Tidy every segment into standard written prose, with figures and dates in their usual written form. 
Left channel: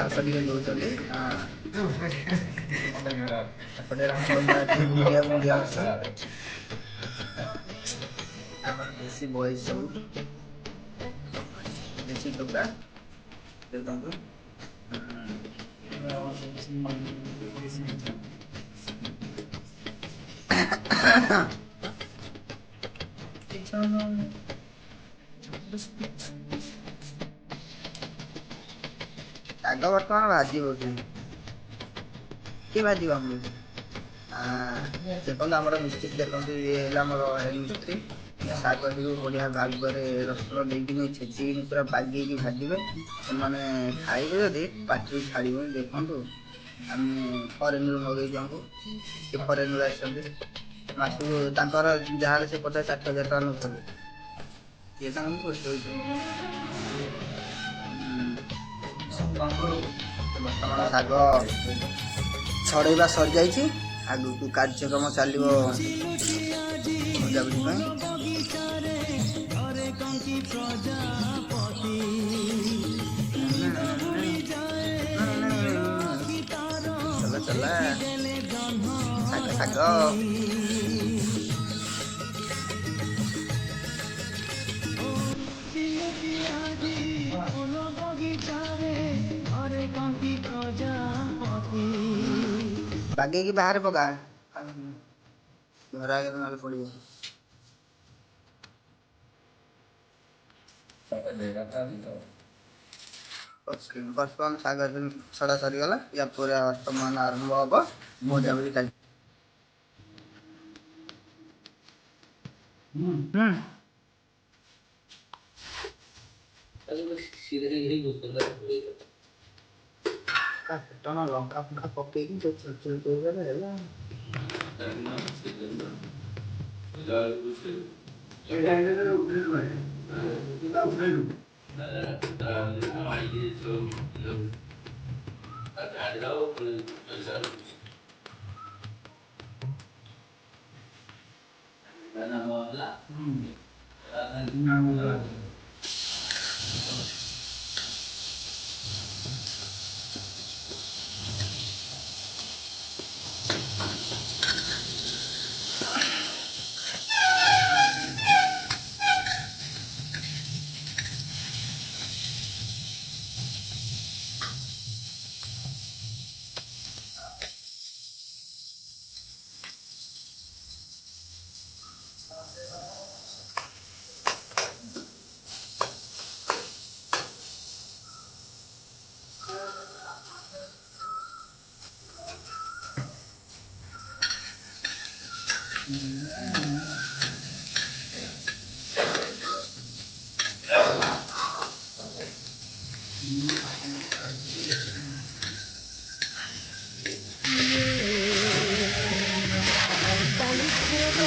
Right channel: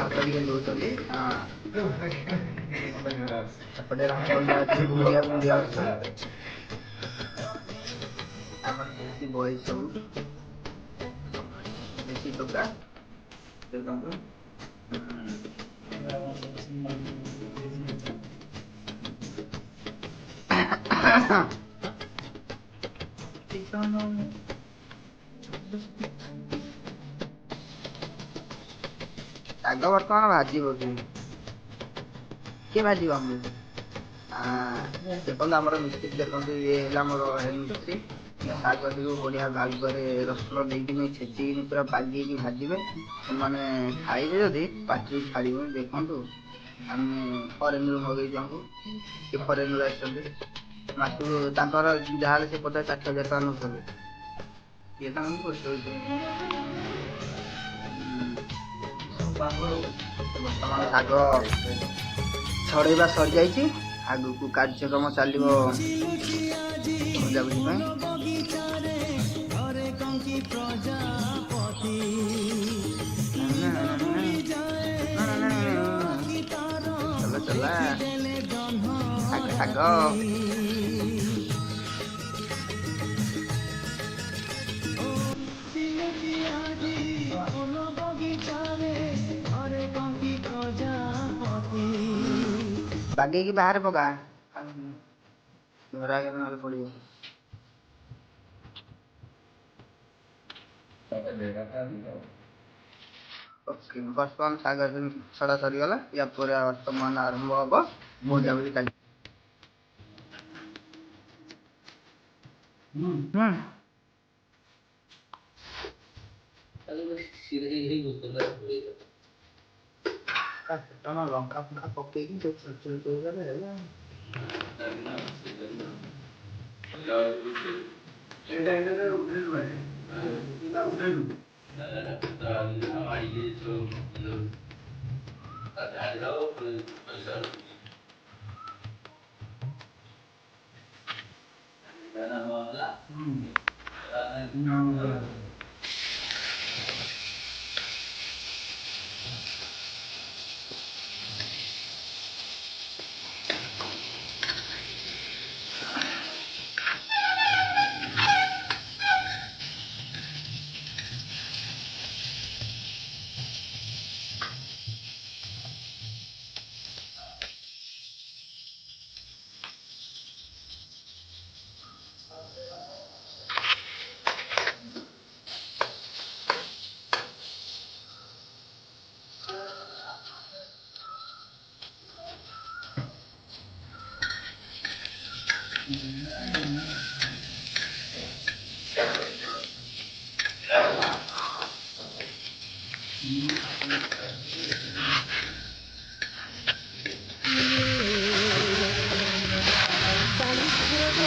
ଆସ ଟିକେ ଦଉଛନ୍ତି ଏପଟେ ମୁଣ୍ଡିଆ ଆମର ଦେଶୀ ବହି ସବୁ ଦେଶୀ ଟୋକା ଦେଖନ୍ତୁ ଶାଗ ବର୍ତ୍ତମାନ ଭାଜିବ କିଏ ଭାଜିବ ଆମକୁ ଦେଖନ୍ତୁ ଆମର ମିସ୍ତ୍ରୀ ଦେଖନ୍ତୁ ଇଏ ହେଲା ଆମର ମିସ୍ତ୍ରୀ ଶାଗଟିକୁ ବଢ଼ିଆ ଭାବରେ ରସୁଣ ଦେଇକିନି ଛେଚିକିନି ପୁରା ବାଗେଇକି ଭାଜିବେ ସେମାନେ ଖାଇବେ ଯଦି ପାଟିରୁ ଛାଡ଼ିବନି ଦେଖନ୍ତୁ ଆମେ ଫରେନରୁ ମଗେଇଛୁ ଆମକୁ କିଏ ଫରେନରୁ ଆସିଛନ୍ତି ମାସକୁ ତାଙ୍କର ଯାହାହେଲେ ସେ 50-60 ହଜାର ଟଙ୍କା ନେଉଛନ୍ତି ଇଏ ତାଙ୍କୁ ଖୁସି ହେଉଛି ବର୍ତ୍ତମାନ ଶାଗ ଛଡ଼େଇବା ସରିଯାଇଛି ଆଗକୁ କାର୍ଯ୍ୟକ୍ରମ ଚାଲିବ ଭଜାଭୁଜି ପାଇଁ ଚଲା ଶାଗ ବାଗେଇକି ବାହାରେ ପକା ଘର ଆଗରେ ନହେଲେ ପଡ଼ିବ ବର୍ତ୍ତମାନ ଶାଗ ଛଡ଼ା ସରିଗଲା ୟା ପରେ ବର୍ତ୍ତମାନ ଆରମ୍ଭ ହବ ଭଜାଭୁଜି ଚାଲି ଲଙ୍କା ଫଙ୍କା ପକେଇକି ହେଲା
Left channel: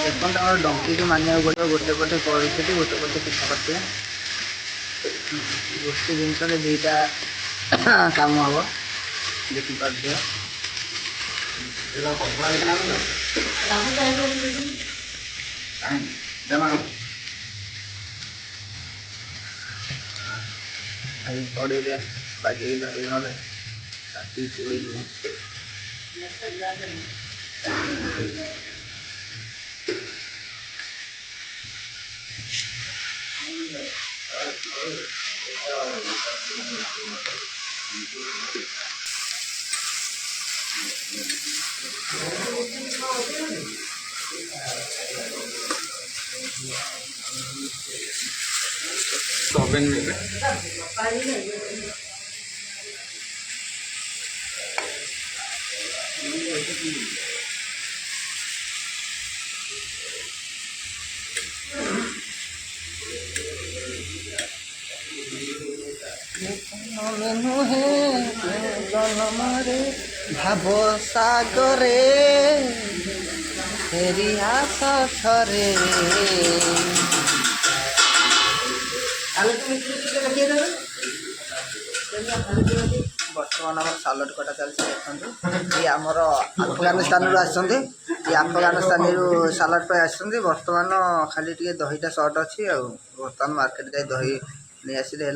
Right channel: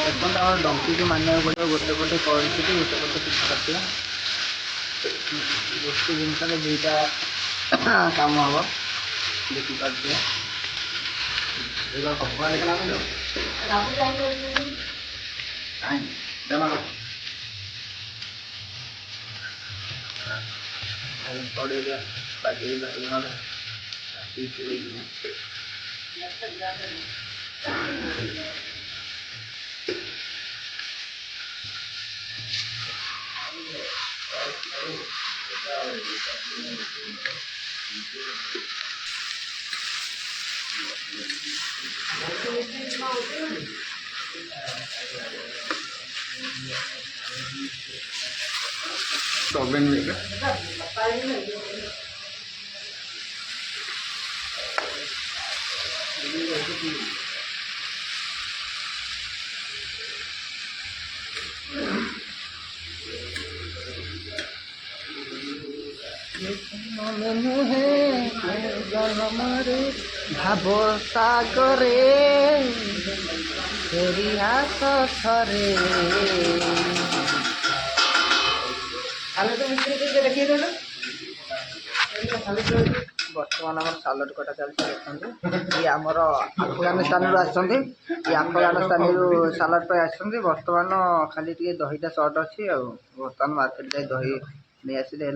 ଦେଖନ୍ତୁ ଆମର ଡଙ୍କିକୁ ମାନିବାକୁ ପଡ଼ିବ ଗୋଟେ ପଟେ କରିଥିଲି ଗୋଟେ ପଟେ ପିଠା କରିଥିଲା ଗୋଟେ ଜିନିଷରେ ଦୁଇଟା କାମ ହେବ ଦେଖିପାରୁଥିବେ ପଡ଼ିଲେ ବାଗେଇ ନହେଲେ ओवन में भाव सागरे फेरी आस थरे बर्तमान आम सालड कटा चलती देखते ये आमर अफगानिस्तान आसते अफगानिस्तान सालड पे आसते बर्तमान खाली टे दहीटा सर्ट अच्छी बर्तमान मार्केट जाए दही नहीं आसिले है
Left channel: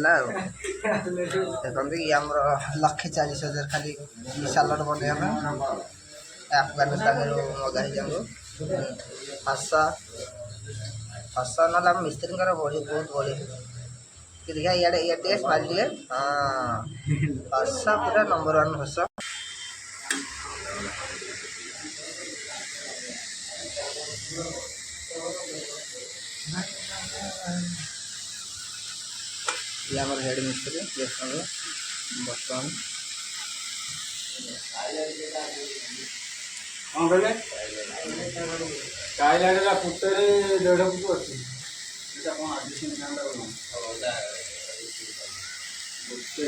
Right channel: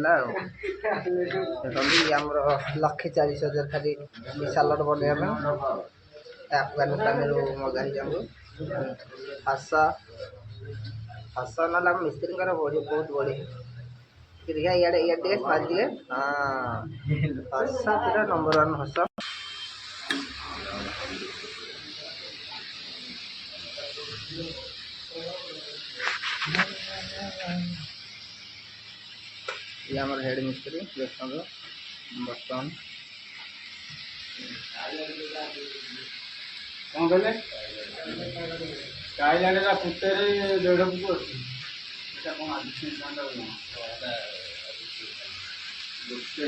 देखो ये आम 1,40,000 खाली सालड बनैया अफगानिस्तान मगा हसा हसा ना मिस्त्री बढ़ी बहुत बढ़िया कि देखा इे इे स्माइल टे हाँ हसा पूरा नंबर 1 हसा ये हमारे हेड मिस्त्री देखो बर्तमान कौन कहले टाइल आडेला फुटेरे 1.5 फुट अछि एटा कोन आदिशन कांडा बोला गुस्से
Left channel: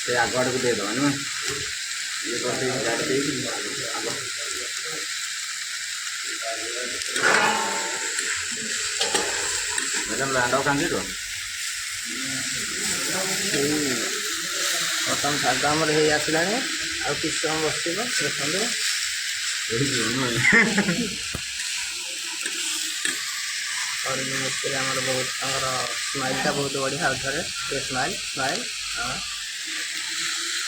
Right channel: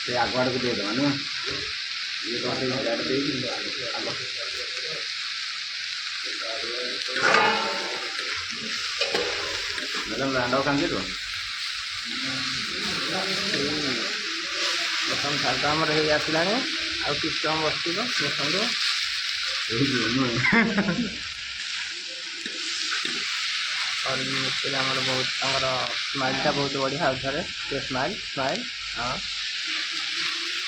से आगवाड़ को दे दो ना ये तो से गाड़ी दे दी आगवा मैडम लैंडो कांजी तो अपन सागा हमर हे आसिलाने आ किछ समय बसिबो देखंदो एही जो और मिस्त्री हमारे बहुत स्माइल टा बहुत बढ़िया उधर स्माइल स्माइल हाँ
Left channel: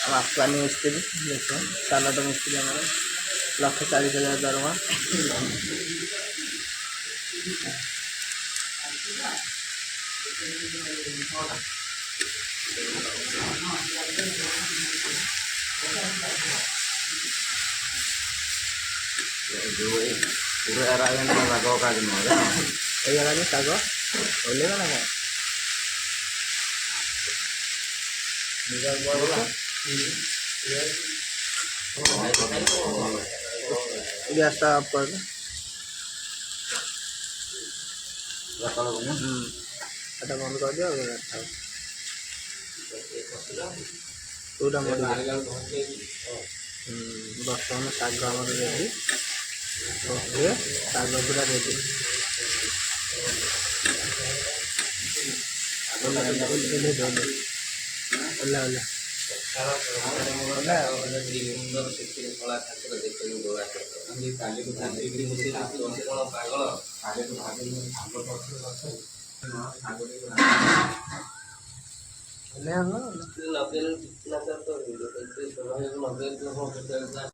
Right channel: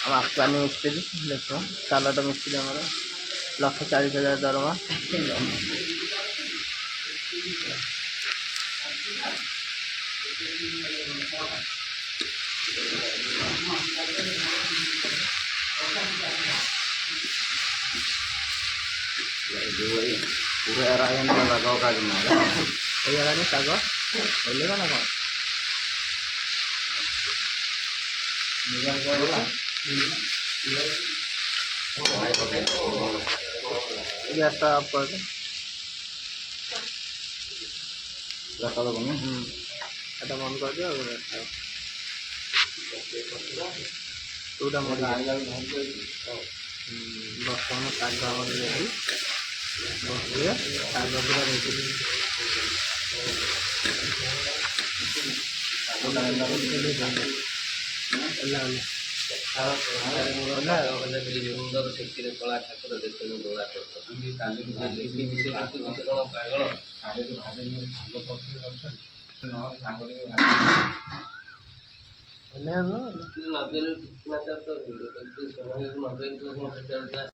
हम अफगानी मिस्त्री देखो सालट मिस्त्री हमारे 1,40,000 दरमा जो पूरे अरायन में लगाओ का जमाएगा ये जगह सागो बोलेगा ना कौन गैस का आप कर दो रखा दो ना এটা বন্ধ করে দিও পুরোটা মরে বর্তমানে শাক আমাদের রেডি বসিয়ে শাক পুরা রেডি ସୁନ୍ଦର ସେଥିରେ କଳା ଠାକୁର ଦେଖିବାକୁ ଦୋଳା ହେଲେ